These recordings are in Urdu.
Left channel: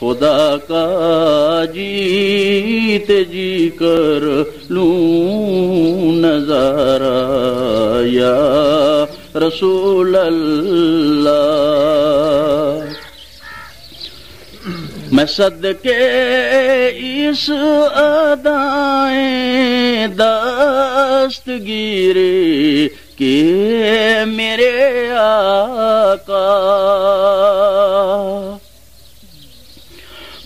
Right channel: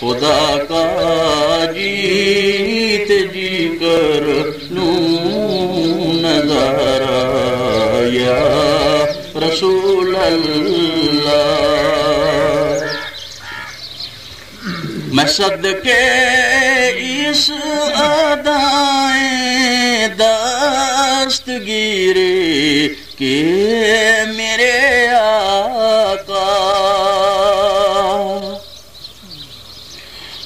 خدا کا جیت جی کر لوں نظارہ یا رسول اللہ. میں صدقے اس ادائیں دستگیری کہ میرے آقا،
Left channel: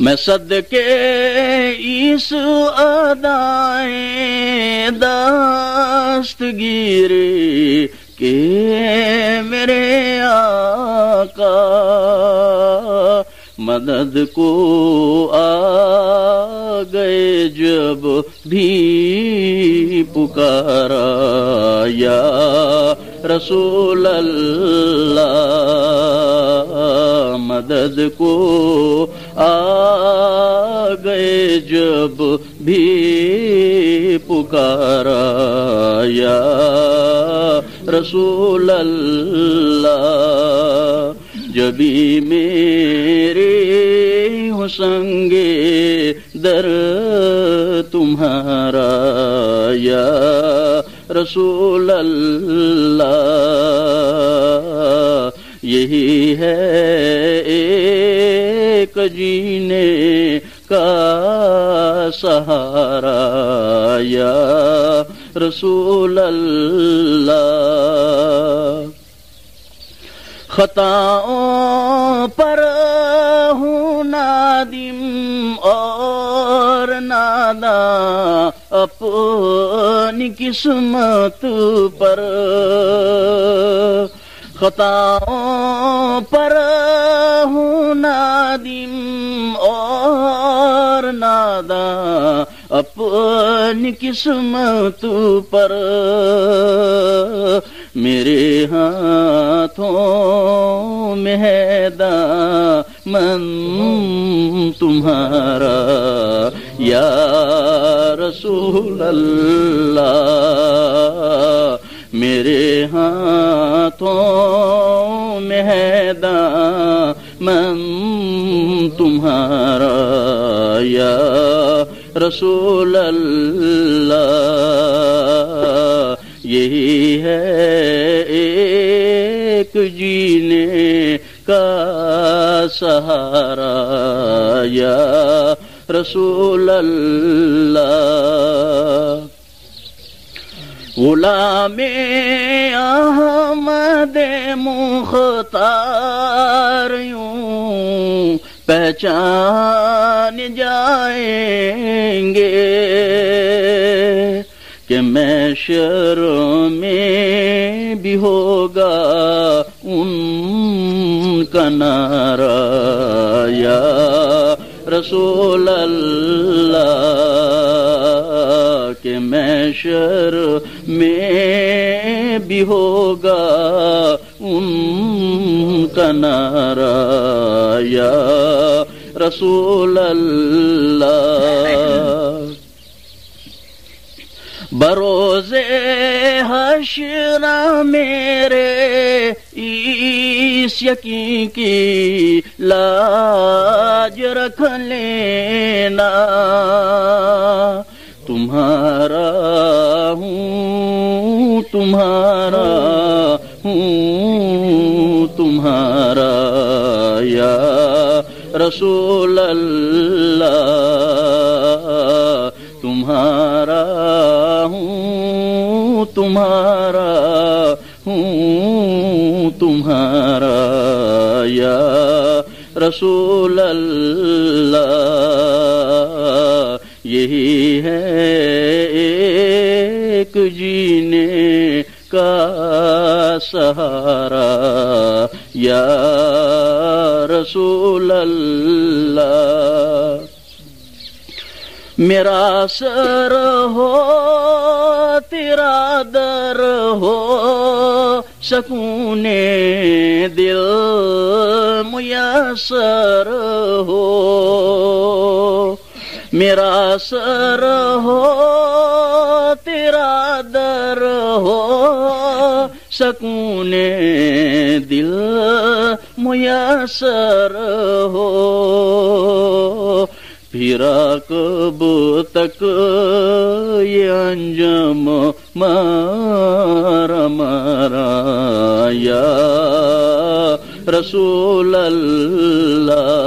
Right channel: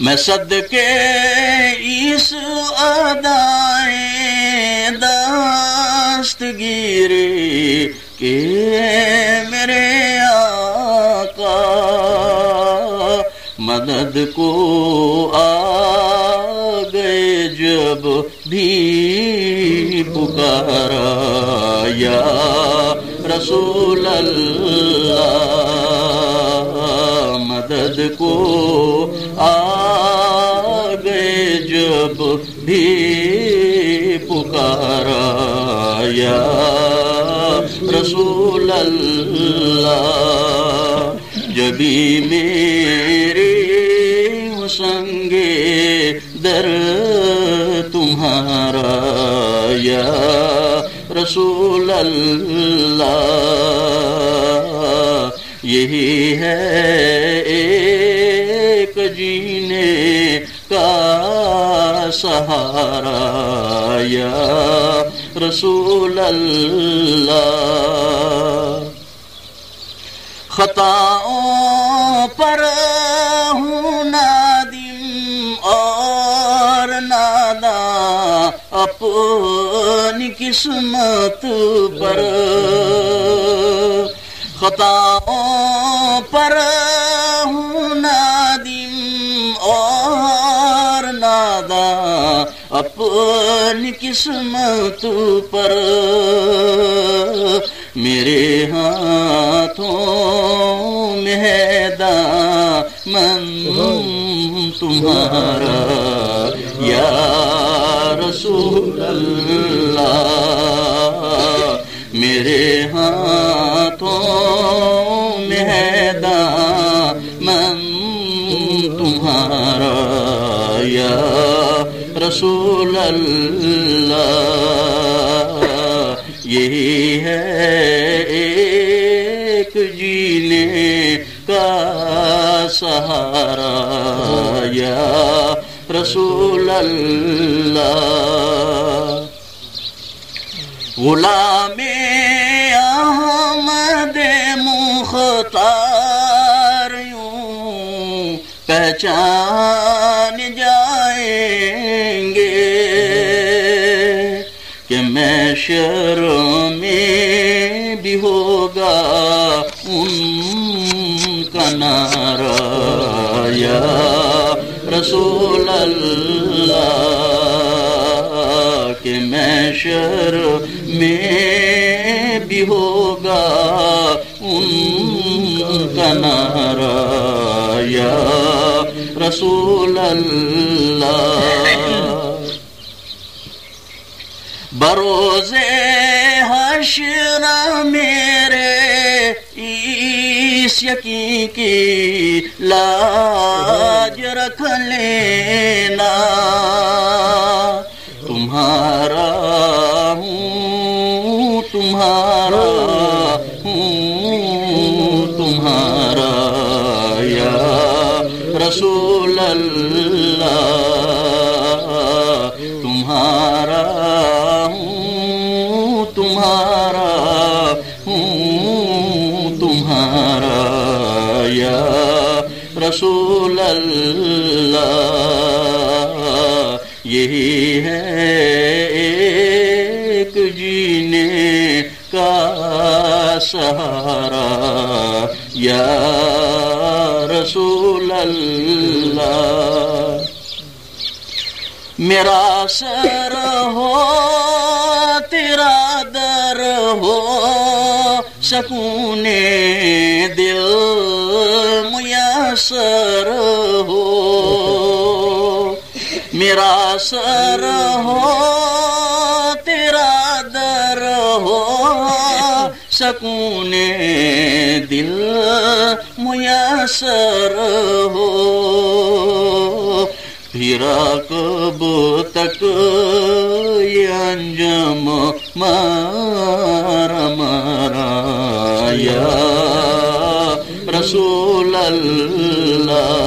میں صدقے اس ادائیں دستگیری کہ میرے آقا مدد کو آ گئے جب بھی پکارا یا رسول اللہ. مدد کو آ گئے جب بھی پکارا یا رسول اللہ. جبھی میرے سنگے در تمہارا یا رسول اللہ. یہی ہے ایک جینے کا سہارا یا رسول اللہ. خطاؤں پر ہوں نادم اور ناداں اپنی قسمت پر. خطاؤں پر ہوں نادم اور ناداں اپنی قسمت پر. میرے ہاتھوں میں ہے دامن تمہارا یا رسول اللہ. میرے ہاتھوں میں ہے دامن تمہارا یا رسول اللہ. یہی ہے ایک جینے کا سہارا یا رسول اللہ. غلام احمد مختار یوں پہچان جائیں گے کہ محشر میں بھی ہوگا ان کا نعرہ یا رسول اللہ. کہ محشر میں بھی ہوگا ان کا نعرہ یا رسول اللہ. بروز حشر میرے اس یقین کی لاج رکھ لینا. تمہارا ہوں تمہارا ہوں تمہارا یا رسول اللہ. تمہارا ہوں تمہارا ہوں تمہارا یا رسول اللہ. یہی ہے ایک جینے کا سہارا یا رسول اللہ. میرا سر ہو تیرا در ہو سکون دل میسر ہو. میرا سر ہو تیرا در ہو سکون دل میسر ہو پھرا کب تک یہ انجام مارا مارا یا رسول اللہ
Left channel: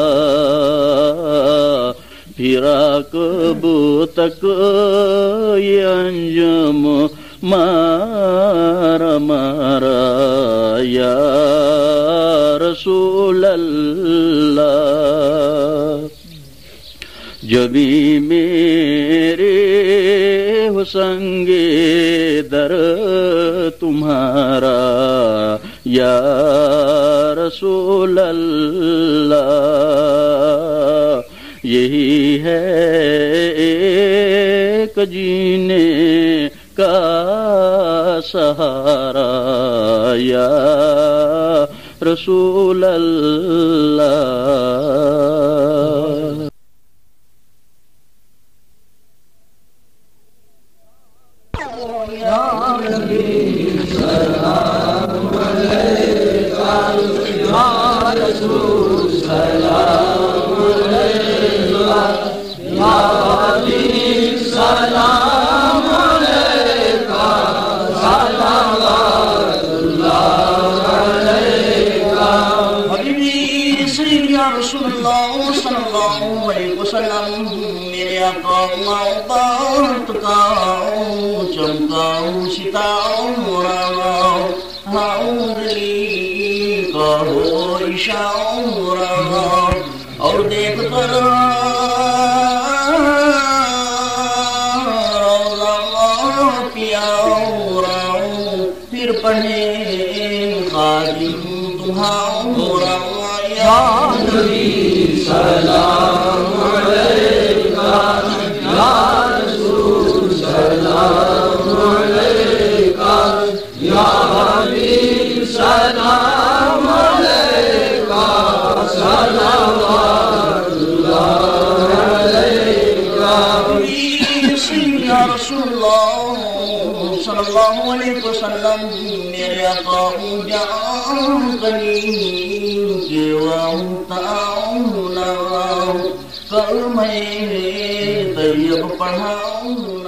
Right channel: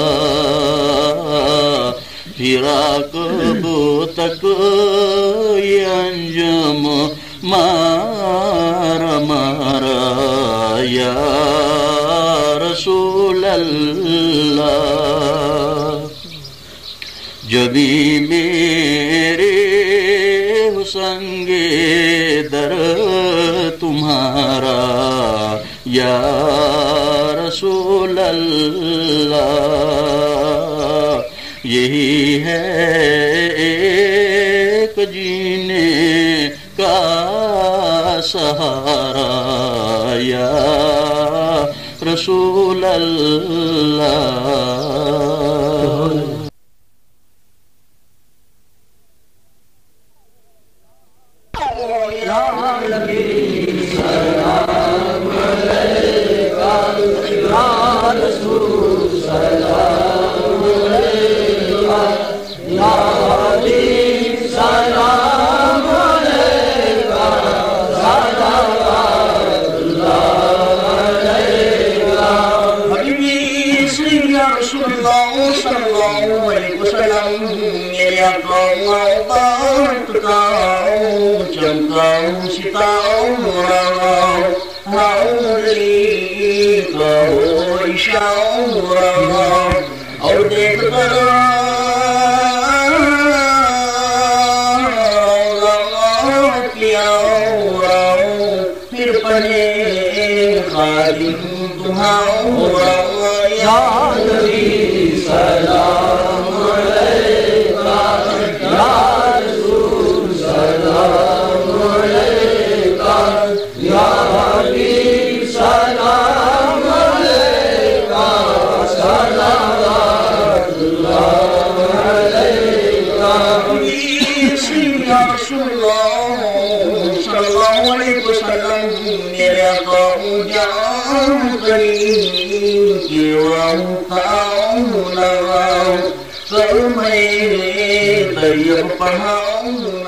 پھرا کب تک یہ انجام مارا مارا یا رسول اللہ جبھی میرے حسن در تمہارا یا رسول اللہ یہی ہے ایک جینے کا سہارا یا رسول اللہ میرے بات گاؤں چمکاؤں ستاؤں راؤں ہاؤلی کہو عشاؤں راؤں اور دیکھ کر پیاؤں راؤں پھر پڑھے خادم تمہاؤں راؤں یا نبی سلام صلی اللہ علیہ وسلم میرے قوم جان کریم کی واؤں تاؤں لواؤں کر میں طیب پڑھاؤں